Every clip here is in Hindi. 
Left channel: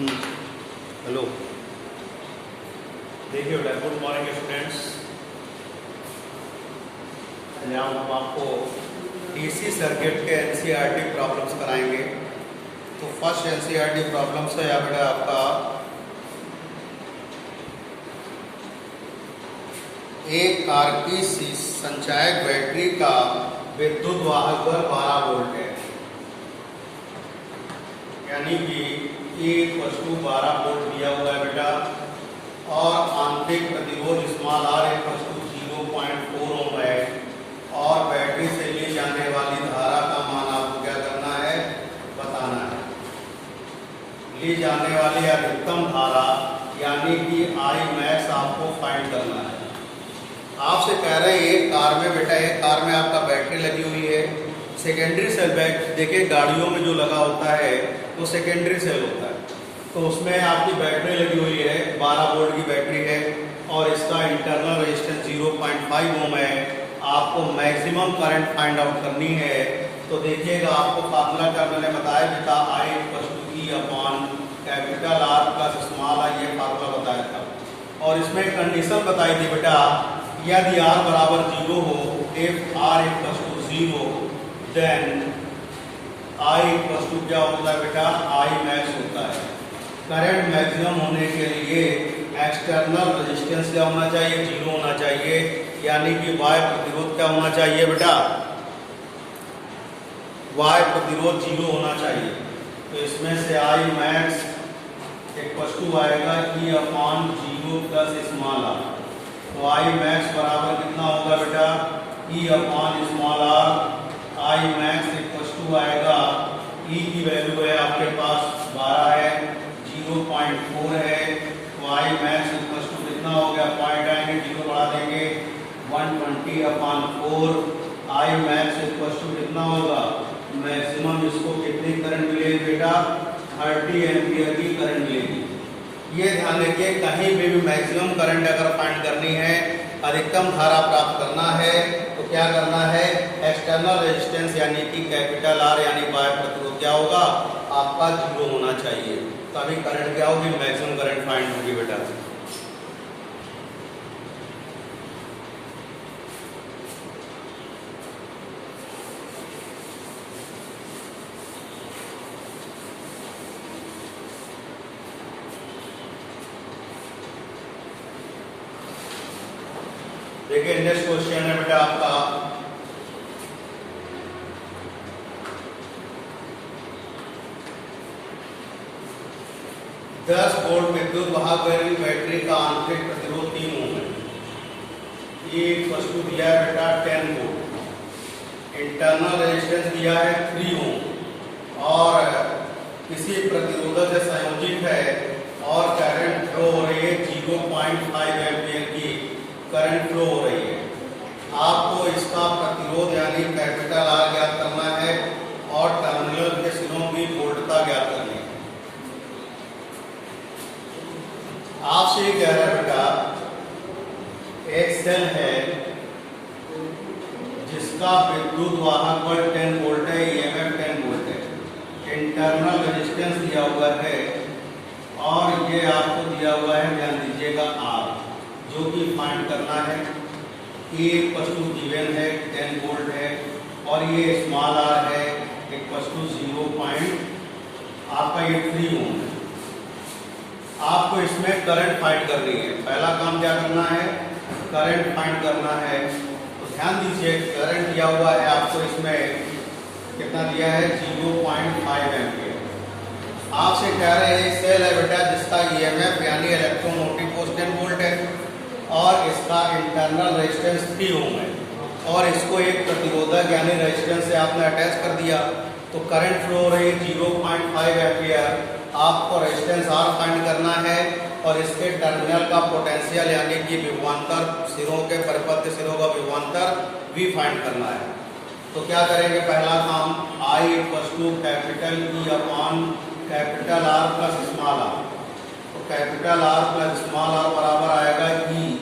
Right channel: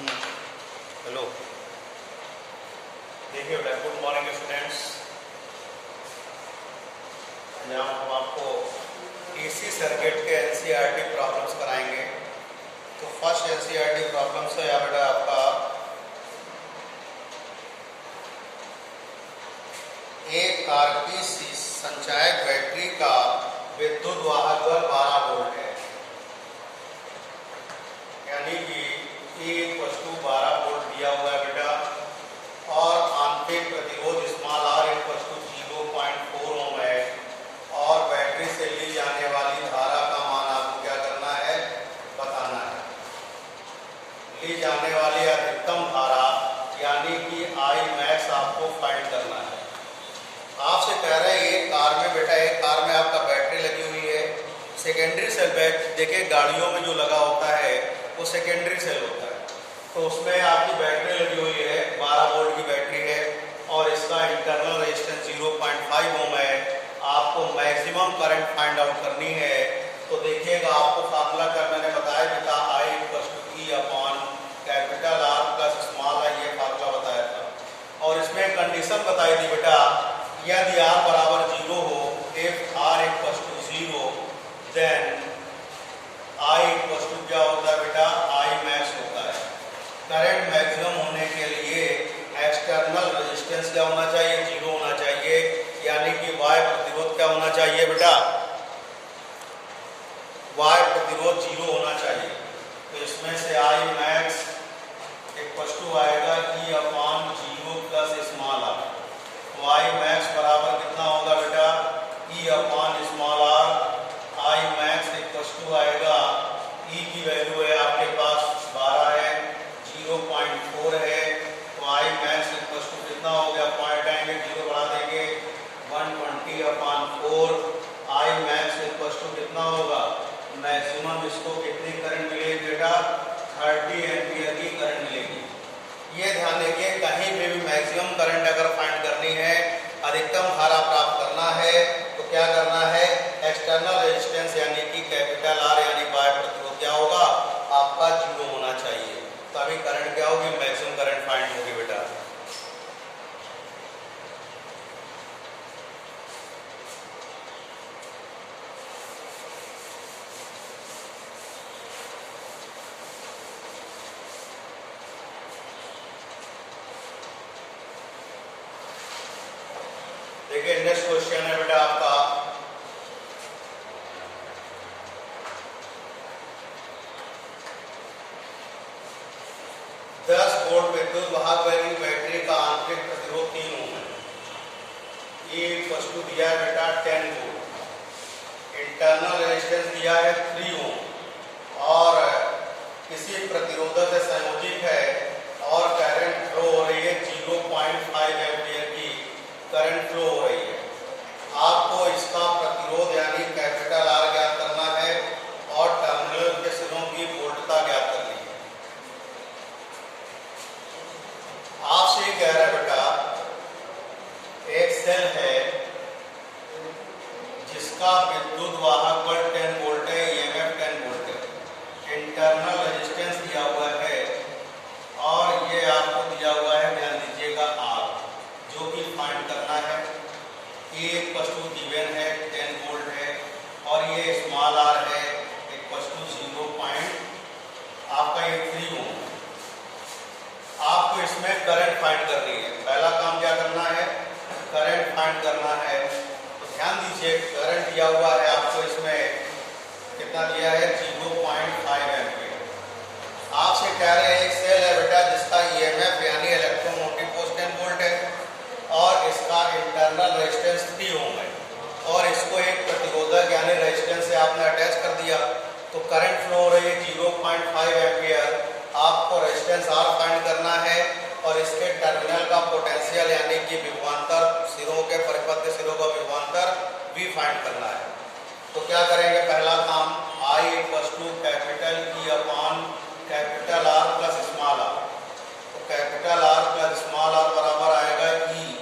हेलो, देखिए बेटा, गुड मॉर्निंग स्टूडेंट्स। आज हम आपको डीसी सर्किट के एनसीईआरटी प्रॉब्लम्स कराएंगे। तो फर्स्ट एनसीईआरटी प्रॉब्लम्स है यहाँ बेटा आपका एक आरपीसी संचायक बैटरी का विद्युत वाहक दर 12 वोल्ट है, यानी कि E = 12 वोल्ट दिया हुआ है बेटा, और आंतरिक प्रतिरोध स्मॉल r = 0.4 ओम है, और बैटरी से ली जाने वाली धारा का मान आपको क्या करना है, बताना है। ली जाने वाली अधिकतम धारा यानी कि I max आपको फाइंड करना है। आपसे कह रहे हैं एक कार में बेटा, एक कार में आपका बैटरी लगी हुई है, सेकेंडरी सेल बैटरी। देखिए गाड़ियों में जो लगा होता है वो सेकेंडरी सेल होता है, तो उसमें आपकी बैटरी लगी हुई है, 12 वोल्ट की बैटरी है, और इसका इंटरनल रेजिस्टेंस 0.5 ओम है। आपको मैक्सिमम करंट फाइंड आउट करनी है। तो देखिएगा, आपको फार्मूला का मैंने बताया बेटा, I = E/R + स्मॉल i, ये फार्मूला बताया था। और इसमें कंडीशन बताई थी बेटा, यदि R = 0 हो, if R = 0, देन I = क्या होता है बेटा, I max होता है। करंट मैक्सिमम होने के लिए एक्सटर्नल रेजिस्टेंस क्या होना चाहिए, 0 होना चाहिए, यानी कि Y प्रतिरोध क्या होना चाहिए बेटा, Y प्रतिरोध 0 होना चाहिए। तो इसमें से I max आएगा E/0 + स्मॉल r। तो I max बराबर कितना होगा बेटा, E/r। I max आएगा, E की वैल्यू है आपके पास 12 है, 0.4 है, तो I max कितना हो गया, पॉइंट आएंगे, 0 बढ़ा देंगे, 120/4। I max कितना होगा, मैक्सिमम इसको कितनी करंट मिलेगी बेटा, 30 एम्पियर की करंट मिलेगी। ये ध्यान रखिए, कहीं भी मैक्सिमम करंट अगर फाइंड करनी है, अधिकतम धारा प्राप्त करना है, तो क्या करना है, एक्सटर्नल रेजिस्टेंस यानी कि कैपिटल R यानी Y प्रतिरोध क्या होगा, आपका 0 होना चाहिए। तभी करंट क्या होगी, मैक्सिमम करंट फाइंड होगी बेटा। देखिए नेक्स्ट क्वेश्चन है बेटा आपका, दस वोल्ट विद्युत वाहक बैटरी का आंतरिक प्रतिरोध 3 ओम है। ये वस्तु दिया है बेटा 10 वोल्ट, इंटरनल रेजिस्टेंस दिया है 3 ओम, और किसी प्रतिरोधक से संयोजित है, और करंट फ्लो हो रही है 0.5 एम्पियर की करंट फ्लो हो रही है। आपको इसका प्रतिरोध यानी कैपिटल R ज्ञात करना है, और टर्मिनल के सिरों की वोल्टता ज्ञात करनी है। आपसे ये कह रहा है बेटा, एक सेल है जिसका विद्युत वाहक बल 10 वोल्ट है, EMF 10 वोल्ट है, इंटरनल रेजिस्टेंस दिया हुआ है, और ये आपको दिया हुआ है, ध्यान दीजिएगा, R, जो कि फाइंड करना है। A गिवन है 10 वोल्ट है, और ये स्मॉल r है 0. आपका ये 3 ओम है। आपको इसमें करंट फाइंड करनी है। पहला काम क्या करना है, करंट फाइंड करना है। तो ध्यान दीजिए, करंट दिया हुआ है आपको, इसमें कितना दिया है, 0.5 एम्पियर। आपसे कह रहे हैं एक सेल है बेटा जिसका EMF यानी इलेक्ट्रोमोटिव फोर्स 10 वोल्ट है, और इसका इंटरनल रेजिस्टेंस 3 ओम है, और इसको एक प्रतिरोधक यानी रेजिस्टेंस से आपने अटैच कर दिया, तो करंट फ्लो हो रही है 0.5 एम्पियर। आपको रेजिस्टेंस R फाइंड करना है, और इसके टर्मिनल का पोटेंशियल यानी कि विभवांतर, सिरों के परिपथ के सिरों का विभवांतर V फाइंड करना है। तो क्या करेंगे, पहला काम, I = capital R + small r। तो कैपिटल R + स्मॉल r बराबर आएगा E/I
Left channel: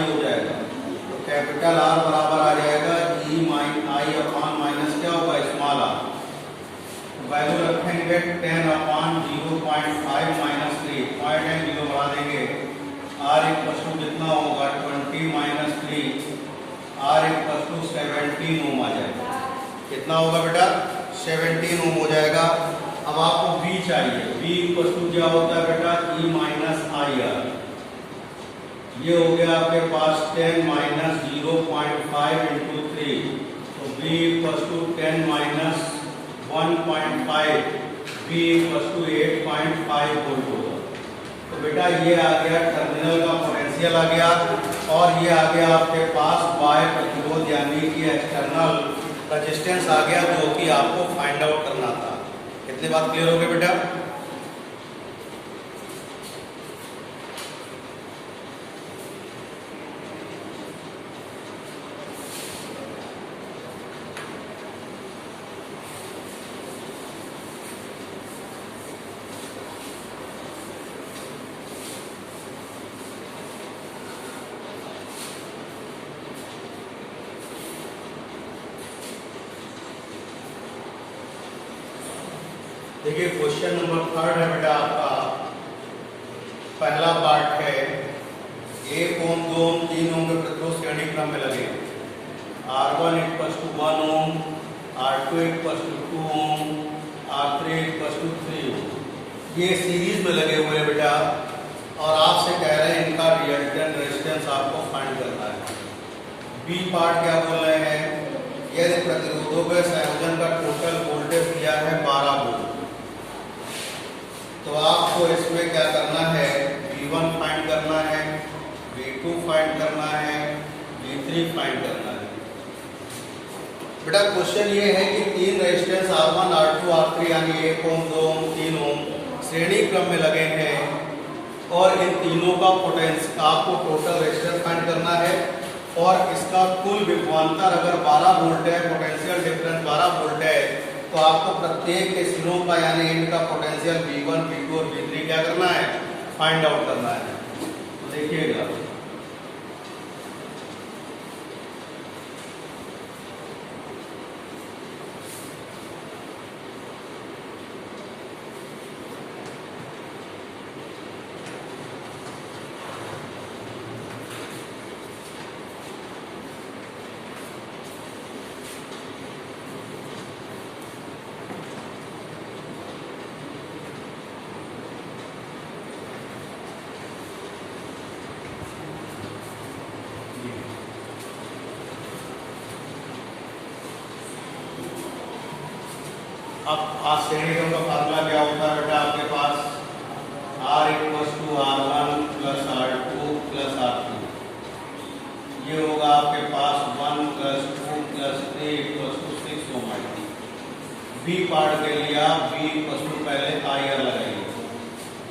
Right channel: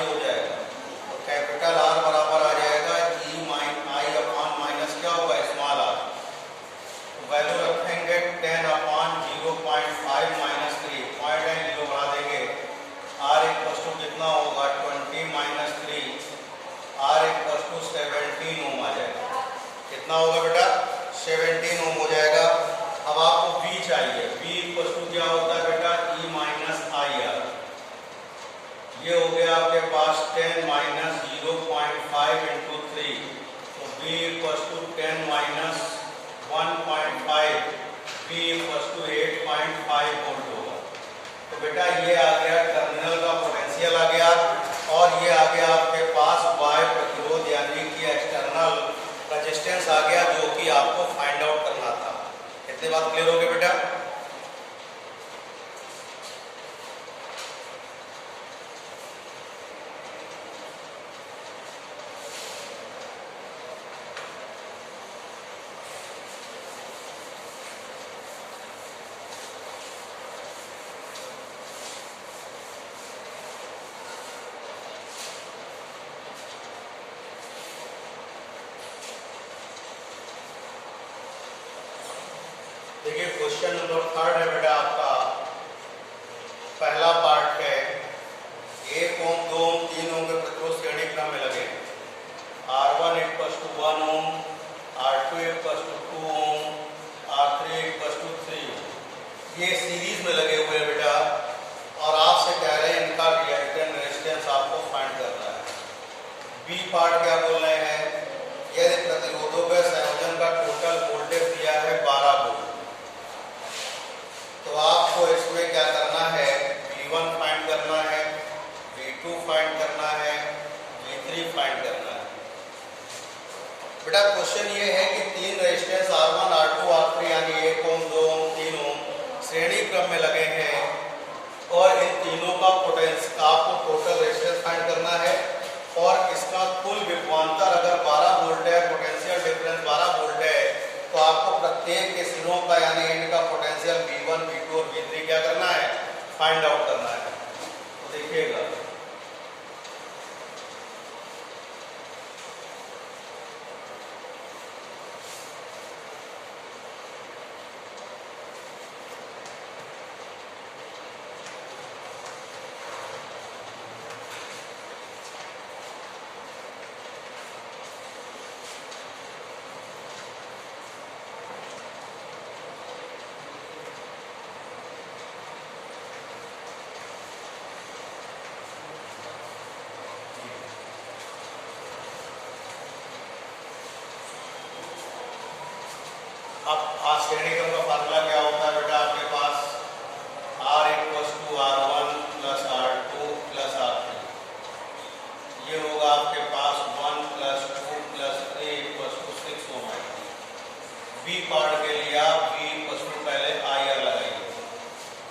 हो जाएगा। तो कैपिटल R बराबर आ जाएगा E/I/, क्या होगा, स्मॉल r वैल्यू रखेंगे 10/0.5 माइनस 3, पॉइंट है 0 बढ़ा देंगे। आर इक्वल टू कितना होगा 20 माइनस 3, आर इक्वल टू 17 ओम आ जाएगा। कितना होगा बेटा 17 ओम हो जाएगा। अब आपको V चाहिए, V इक्वल टू क्या होता है बेटा E माइनस आई आर। ये हो गया आपके पास 10 माइनस 0.5 इंटू 3, तो V equal to 10 minus 1.5, V equal to 8.5 volt होगा। तो बेटा ये आ गया टर्मिनल का पोटेंशियल आ गया, और ये आ गया आपके पास वाई प्रतिरोध यानी कि एक्सटर्नल रेजिस्टेंस आ गया, जो कि आपको फाइंड आउट करना था। कितनी बात क्लियर हो गई बेटा? देखिए क्वेश्चन नंबर 3 है बेटा आपका। पहला पार्ट है 1 ओम 2 ओम 3 ओम के प्रतिरोध श्रेणी क्रम में लगे। R1 equal to 1 ohm, R2 equal to 2 ohm, R3 equal to 3 ohm. ये सीरीज में लगे हुए हैं बेटा, और आपसे कह रहे हैं इनका रिएक्टेंस रेजिस्टेंस आपको फाइंड करना है। बी पार्ट क्या बोल रहे हैं, यदि प्रतिरोधों के संयोजन का टोटल वोल्टेज दिया है 12 वोल्ट, तो आपको इसमें क्या करना है V1 फाइंड करना है, V2 फाइंड करना है, V3 फाइंड करना है। बेटा क्वेश्चन ये है कि 3 रेजिस्टेंस R1, R2, R3 यानी 1 ओम 2 ओम 3 ओम श्रेणी क्रम में लगे हैं, और इन तीनों का पोटेंशियल आपको टोटल रेजिस्टेंस फाइंड करना है, और इसका कुल विभवांतर अगर 12 वोल्ट है, पोटेंशियल डिफरेंस 12 वोल्ट है, तो आपको प्रत्येक के सिरों का यानी इनका पोटेंशियल V1, V2 और V3 क्या करना है फाइंड आउट करना है। देखिएगा अब श्रेणी क्रम का फार्मूला क्या होता है बेटा आपके पास, R equal to R1 plus R2 plus R3। ये होगा आपके पास 1 plus 2 plus 3 equal to 6 ohm आएगी। बी पार्ट के लिए आप B इक्वल टू पहले IR लगाइए,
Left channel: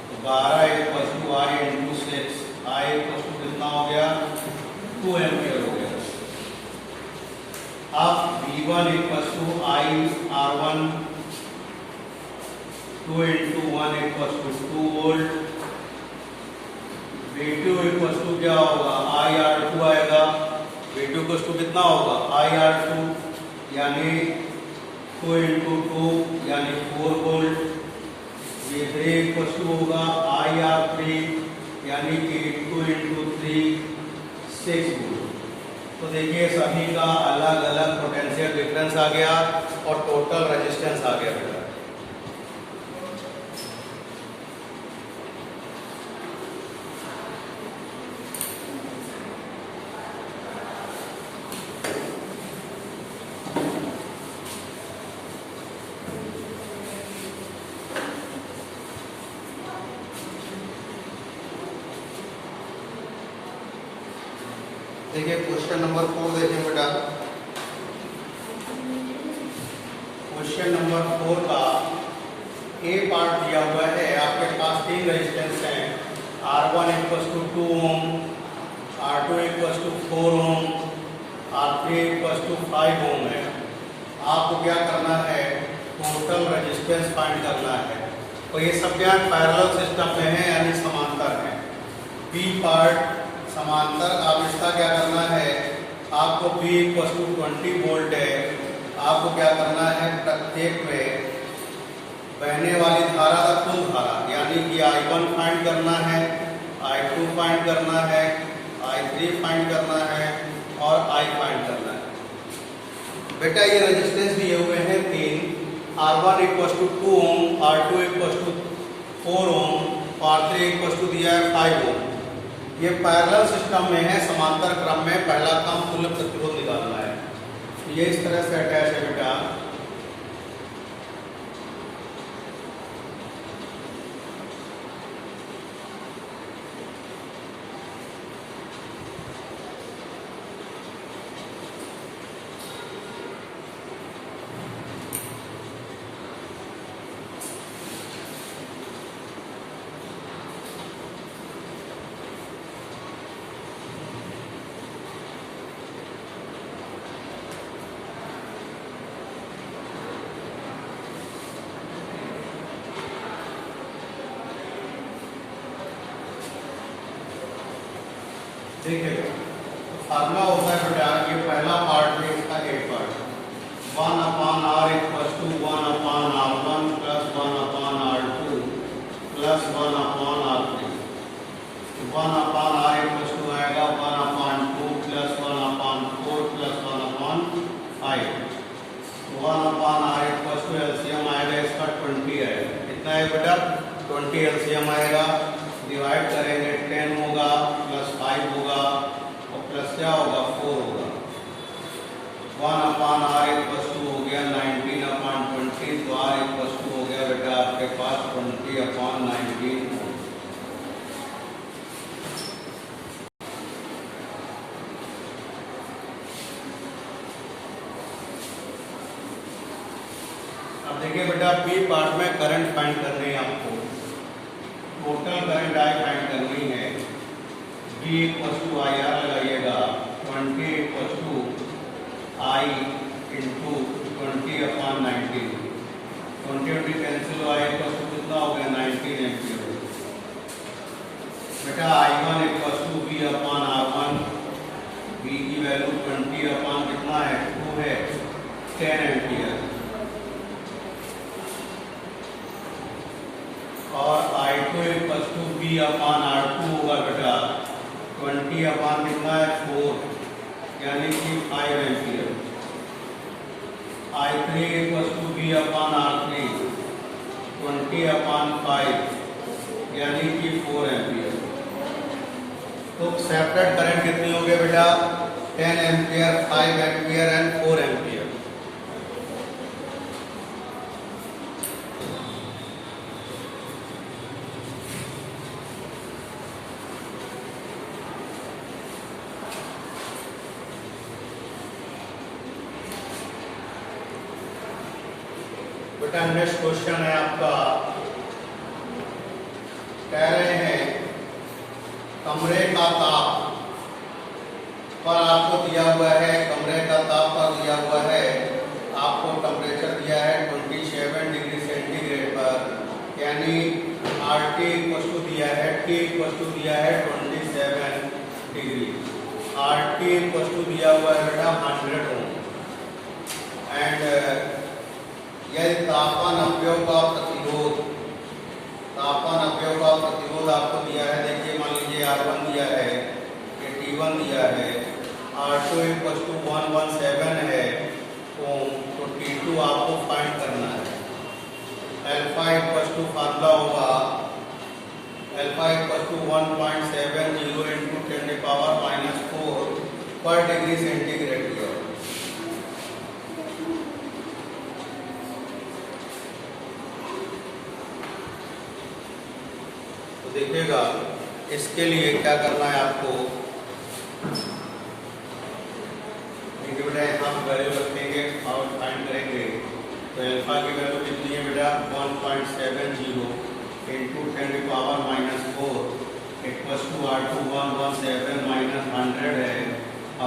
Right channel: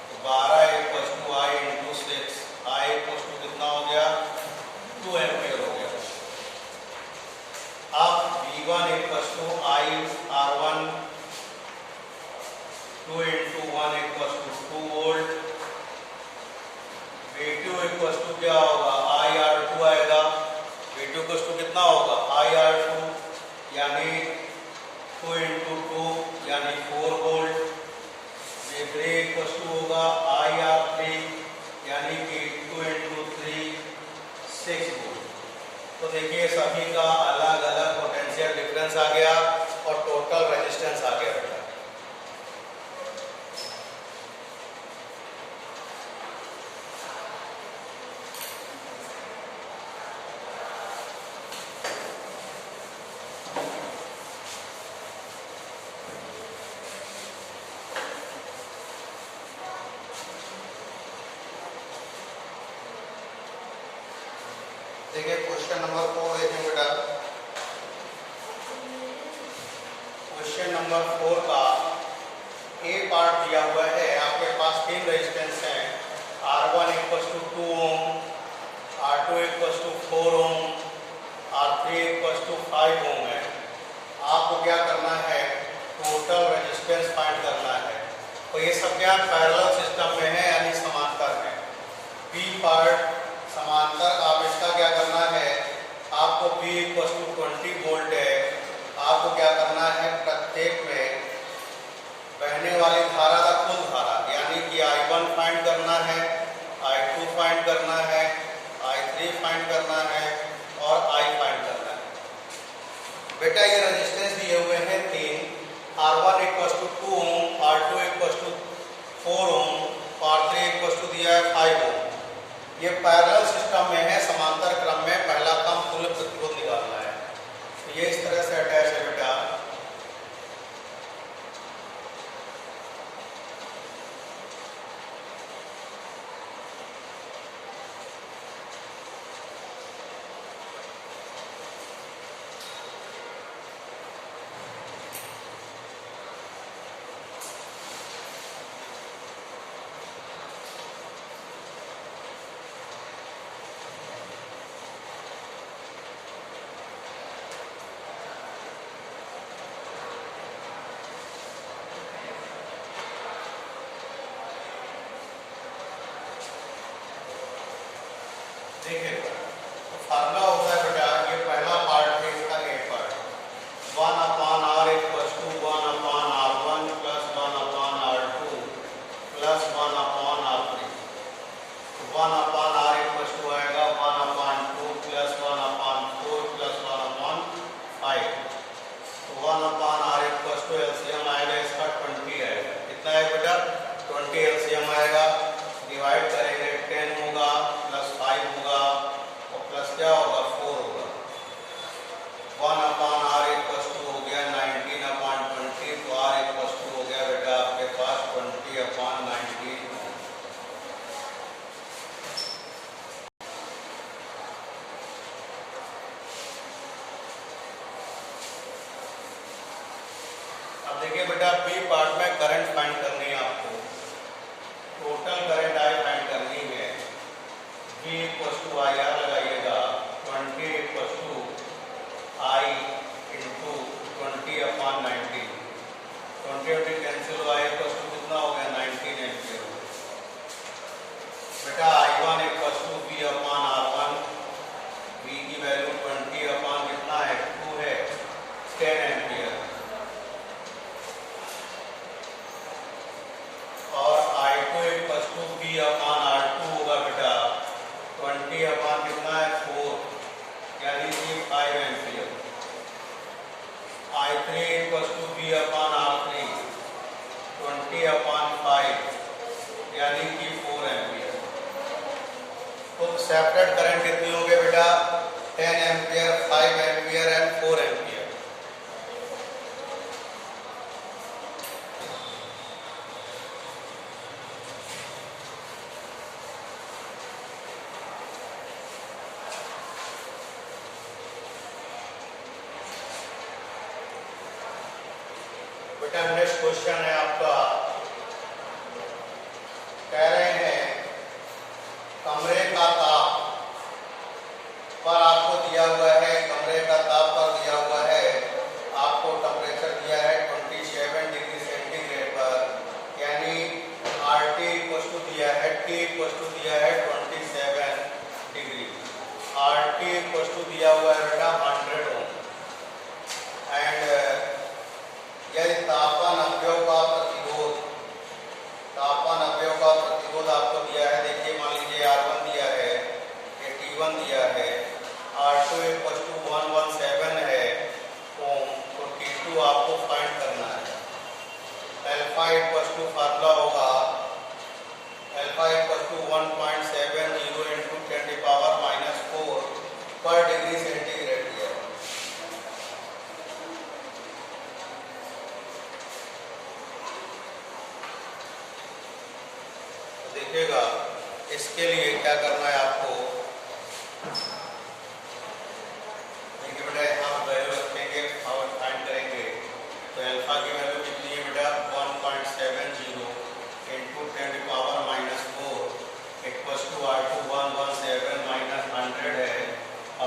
तो 12 equal to I into 6, I equal to कितना हो गया 2 एम्पियर हो गया। अब V1 equal to I R1 2 into 1 equal to 2 volt, V2 equal to क्या होगा IR2 आएगा। V2 इक्वल टू कितना होगा IR2 यानी 2 इंटू 2 यानी 4 वोल्ट। V3 इक्वल टू होगा IR3 यानी कि 2 इंटू 3 6 वोल्ट। तो देखिए सभी का अलग अलग पोटेंशियल डिफरेंस आ गया और टोटल रेजिस्टेंस आ गया बेटा। देखिए क्वेश्चन नंबर 4 देखें बेटा। क्वेश्चन नंबर 4 का ए पार्ट दिया हुआ है, आपके पास 3 रेजिस्टेंस हैं, R1 equal to 2 ohm, R2 equal to 4 ohm, R3 equal to 5 ohm है। आपको क्या करना है टोटल रेजिस्टेंस फाइंड करना है, और ये सब क्या पैरेलल सिस्टम में है यानी समांतर है। बी पार्ट समांतर, आप इसका क्या करना है आपको B इक्वल टू 20 वोल्ट है, आपको क्या करना है प्रत्येक में बहने वाली धारा का कुल धारा, यानी कि I1 फाइंड करना है, I2 फाइंड करना है, I3 फाइंड करना है और I फाइंड करना है। बेटा ये रेजिस्टेंस दिए हुए हैं 3, R1 = 2 ohm, R2 = 4 ohm, R3 = दिया है 5 ओम। ये पैरेलल सिस्टम में है, समांतर क्रम में। पहला काम कुल प्रतिरोध निकालना है। ये इस तरह से अटैच है बेटा। देखिए फार्मूला होता है बेटा, ये पहला पार्ट में इसका एक part 1/r = 1/r1 + 1/r2 + 1/r3। 1/r आएगा 1/2 + 1/4 + 1/5। 1/r एलसीएम आएगा इसका 20 आएगा। कितना है बेटा? 20 एलसीएम आएगा। डिवाइड करेंगे 10 होगा प्लस 5 होगा और प्लस क्या होगा 4 होगा। 1/r हो गया 19/20, तो r हो गया बेटा आपके पास 20/19। अब देखिए बेटा बी पार्ट में करंट फाइंड करनी है आपको। टोटल करंट आई फाइंड करनी है। V = IR लगाइएगा। 20 = I × 20/19। 20 कैंसिल हो, I कितना हो गया 19 एम्पियर। बेटा I1 = V/R1। V की वैल्यू 20/ कितना है 2 है 10 एम्पियर। और I2 = V/R2 होगा बेटा 20/ कितना है 4, यानी कि 5 एम्पियर। I3 = V/R3 20/5, यानी कि 4 एम्पियर। तो सेपरेट करंट कितनी होंगे बेटा? 10 एम्पियर, 5 एम्पियर एंड 4 एम्पियर। बेटा नेक्स्ट क्वेश्चन है आपका, कह रहे हैं कमरे का ताप पर आपको दिया हुआ है, कमरे का ताप पर दिया हुआ है, आपको टेम्परेचर दिया है 27 डिग्री सेंटीग्रेड पर, यानी RT = दिया है, T = दिया है 27 डिग्री। RT = दिया हुआ है बेटा 100 ओम एंड यदि तापमान अपव्यय का प्रतिरोध आपको दिया है। देखिए मान लीजिए R1 दिया है, ये T1 दिया है, R2 = 117 है ओम, तो T2 आपको फाइंड करना है। अल्फा फार्मूला होगा अल्फा = 1.70 × 10⁻⁻4 पर डिग्री सेंटीग्रेड। देखिएगा इसके लिए क्या करना है आपको। देखिए बेटा यहाँ पे वैल्यू रखेंगे और फाइंड करेंगे, तो अल्फा की वैल्यू कितनी है बेटा 1.70 × 10⁻⁻4 = R2 117 - 100 है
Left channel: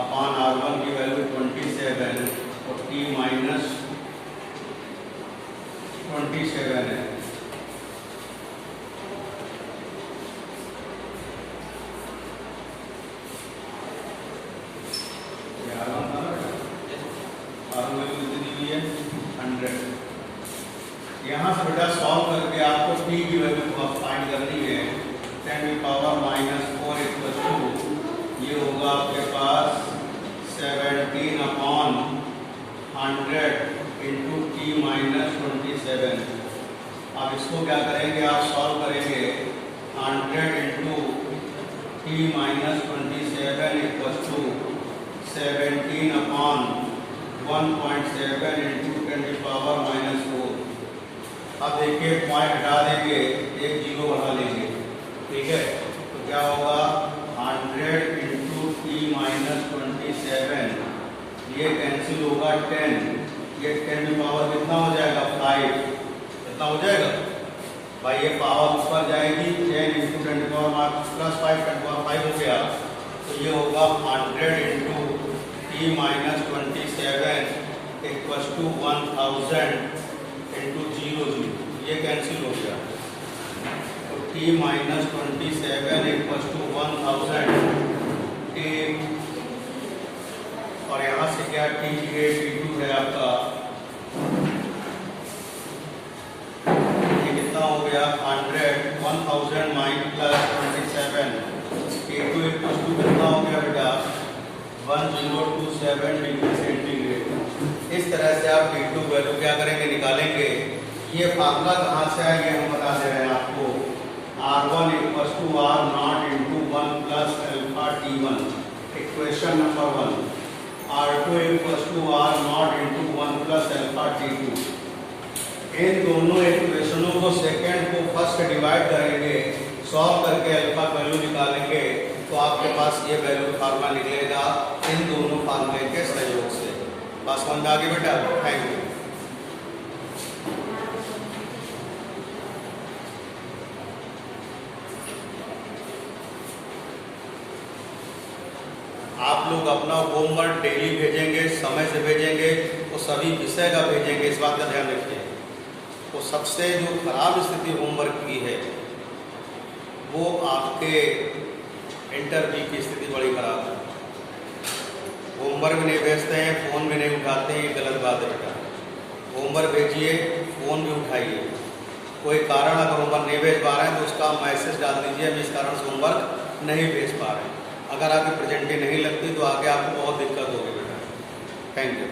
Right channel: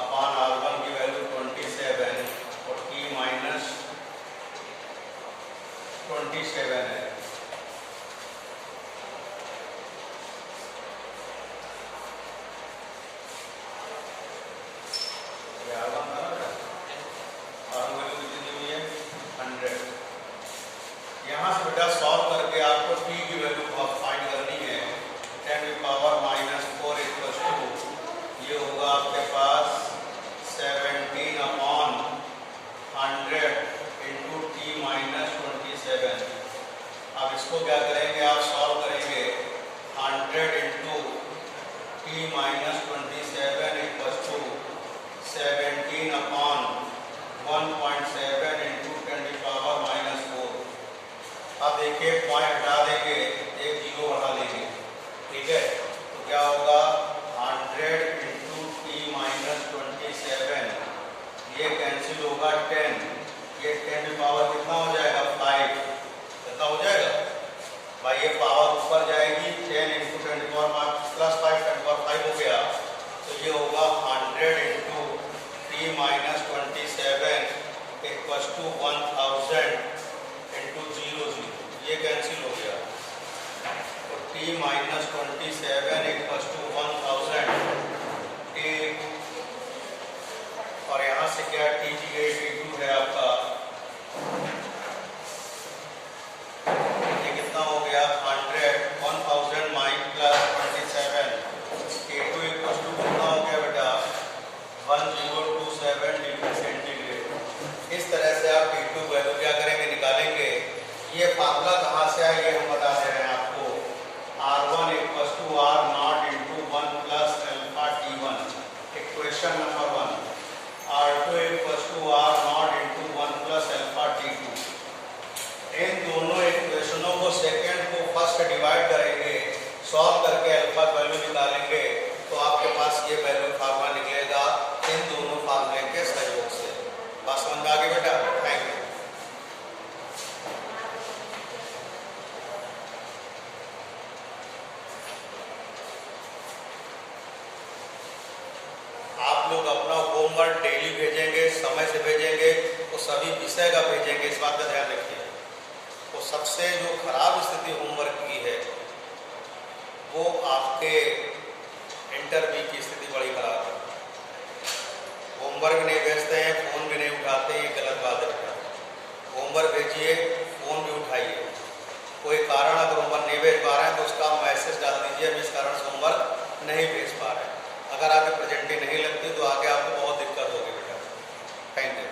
अपॉन R1 की वैल्यू 27 और T - 27 है। R1 वैल्यू कितनी दी हुई है 100। यहाँ से बेटा सॉल्व करके आपको t की वैल्यू फाइंड करनी है। 10⁻⁴ इक्वल्स टू ये होगा आपके पास 17/100 इंटू t-27। अब इसको क्या करेंगे, आप सॉल्व करेंगे 100 into t-27 equals to 17/1.7 into 10⁻⁴। अब देखिए पॉइंट हटा देंगे, एक जीरो बढ़ा लेंगे, ठीक है। तो क्या होगा 100 इंटू t-27, ये कैंसिल होगा 10, ये 10 की पावर कितना हो जाएगा 5, कितना हो जाएगा भाई, ये पावर ऊपर जाएगी 10 इंटू 10⁻+5 10⁻5 हो गया। तो ये होगा 100 into t-27 equals to 1000 into 0 ये कैंसिल हो गया। तो t-27 इक्वल्स टू 1000 और यहाँ से क्या t t2 है आपका, ये कितना हो गया 100 1000 -27 t2 इक्वल्स टू कितना हो गया बेटा 1027 डिग्री सेंटीग्रेड। इस तरह से आप t2 वैल्यू क्या करेंगे, निकालेंगे। ये फार्मूला कहाँ से आया ये हम बता दे रहे हैं आपको। R1 equals to R0 into 1 plus alpha T1 equation number 1। R2 equals to R0 into 1 plus alpha T2। इन दोनों इक्वेशनों को सेकेंड को फर्स्ट डिवाइड करेंगे, सॉल्व करके अल्फा वैल्यू निकालेंगे, तो आपके पास ये वैल्यू फार्मूला निकलेगा इन दोनों फार्मूले के सहयोग से। बात समझ आ गई बेटा, थैंक यू। आप लोग अपना होमवर्क डेली भेजेंगे, समय से भेजेंगे, तो सभी विषय का भेजेंगे, इस बात का ध्यान रखिए। तो सबसे जो खराब स्थिति होमवर्क की है वो आपके इंटरव्यू की स्थिति बड़ी खराब है। होमवर्क भी नहीं भेजते हैं, फोन भी नहीं उठाते हैं, ये गलत बात है बेटा। होमवर्क भेजिए, फोन भी उठाइए। कोई कारण अगर होमवर्क नहीं भेज पा रहे हैं तो उसका मैसेज डाल दीजिए, हम इस कारण से होमवर्क नहीं भेज पा रहे हैं। अगर आगे प्रेजेंटी नहीं लगती तो आगे आपको बहुत दिक्कत होगी बेटा। Thank you.